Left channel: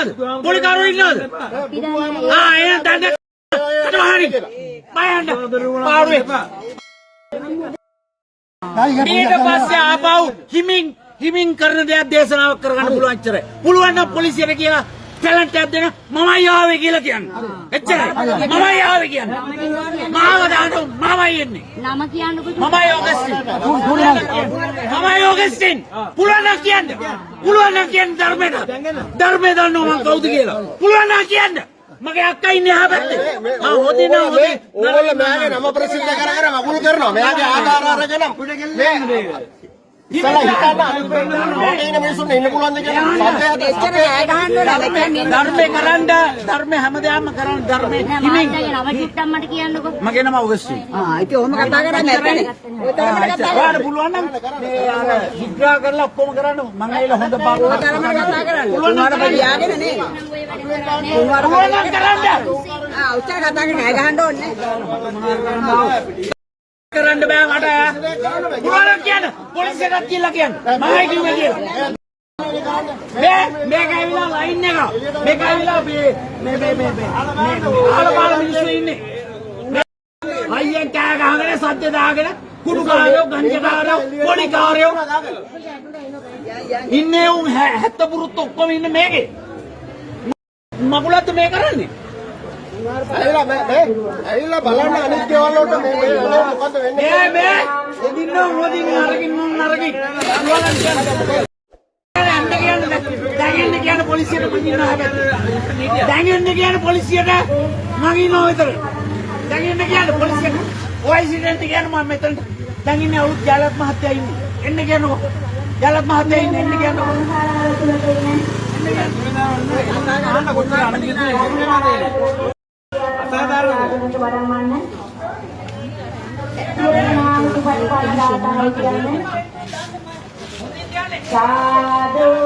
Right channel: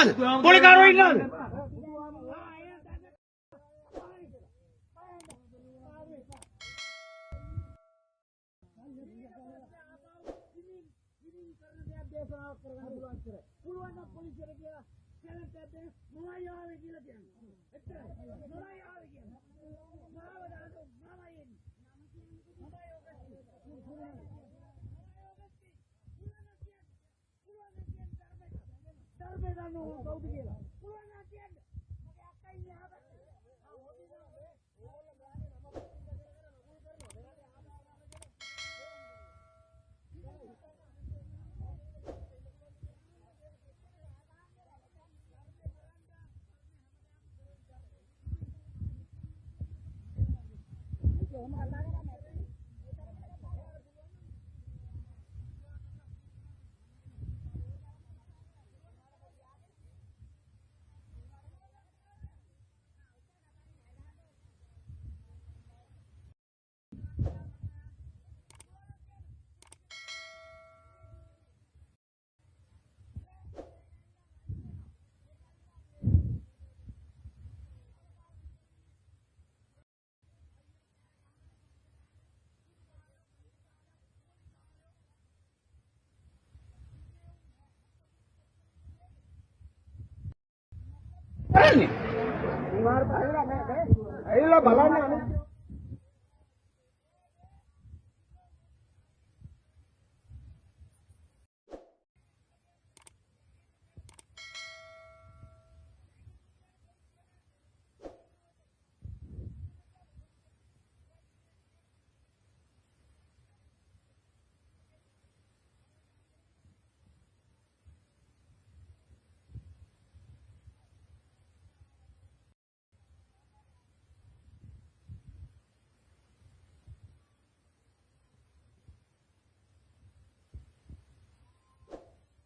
ඉන්නවද? පොලිකාරෝ ඉන්නවද? එහෙනම් දඬ කටවහරි. බයන්න. පාරුවේ. ඊට පස්සේ ආපහු හිමින් කරන දේක් දේශනාවක් කරගන්න පුළුවන් ඉච්චරයි. පුළුවන් නම් පොලිසියට කියලා ටැලන්ට් එකක් දෙන්න මමයි ආවේ කියලා කියන්න. එච්චරයි. මමයි ආවේ කියන්න. මාව දාන්න මමයි එන්නේ. නම කියන්නකෝ. මමයි ඕගස්ටින්. මමයි ඕගස්ටින්. පුළුවන් නම් කියන්න. පුළුවන් නම් කියන්න ධර්මයට. ධර්මය දන්නව මං කවුද කියලා. පුළුවන් නම් කියන්න. මගේ අක්කා ඉන්නේ අහ පැත්තේ. හොදේ නෝ හොදේ. ඕගොල්ලෝ මෙයාගේ නම ප්‍රසිද්ධ කර මගුල් කරනවා. මෙයාගේ ආධාර අරගෙන මේ ඉතලා හිතන්න අනිත් ඉන්න මිනිස්සුන්ට ඉන්න පුළුවන්ද කියලා සත්‍යයට එච්චර ඈ ගහන්න ඕනේ. ධර්මේ කරන්න ධර්මේ හැමදාම කරන්න ධර්මේ හිමින් නම චුට්ටක් මට කියන්නකෝ. මගේ නම ඔගස්ටින්. ඉතින් ඔහොම කතා කරන්නේ නැත්නේ. ඔයාලට පුළුවන් නම් මේ විග්‍රහ කරලා ඔක්කොම කරන්න මම ඇවිල්ලා හොඳ පාඩුවක් කතා කරන්න. උනාට බයියාගෙන නේ. පුළුවන් නම් කරන්න. උච්චර කතා කරන්නේ ඈ ගහන්න ඕනේ. කරන්න බෑ මට. පුළුවන් කියන්න. පොලිසියට කියලා කියන්න. මමයි කිව්වේ කියලා. මේක ඇවිල්ලා ලයින් එක. මේක ඇවිල්ලා මේ ආලපාල මිනිස්සු ඉන්නේ. අයියෙන් කෑ ගහගෙන සද්ද දාගෙන කුඩු කාරයෝ ගංජකාරයෝ පොලිකාරයෝ ඉන්නේ උන් 70 පුරුත් ඔක්කොම ඉන්නේ මේකේ. මගුලත් මේ කරන්නේ. ඇවිල්ලා බලන්න අනිත් දේවල් වලට මේ මොකද්ද වෙන්නේ මේ එදින්න මොදින් අරකින් මොන් අරකින් දැන් කියන්නේ පොලිසියට මං ඉන්නවා හැබැයි දැන් කියන්නේ පොලිසියට මං ඉන්නවා විතර දැන් කියන්නේ පොලිසියට ඔයිසිඩන්ට් කියන්නේ මම මෙතන දැන් ඉන්නේ අවුත් ජාලත් මහත්තයා ඉන්නේ එන්න කියනකො ජාලත් මහත්තයා ඉන්නේ එන්න කියනකො साधु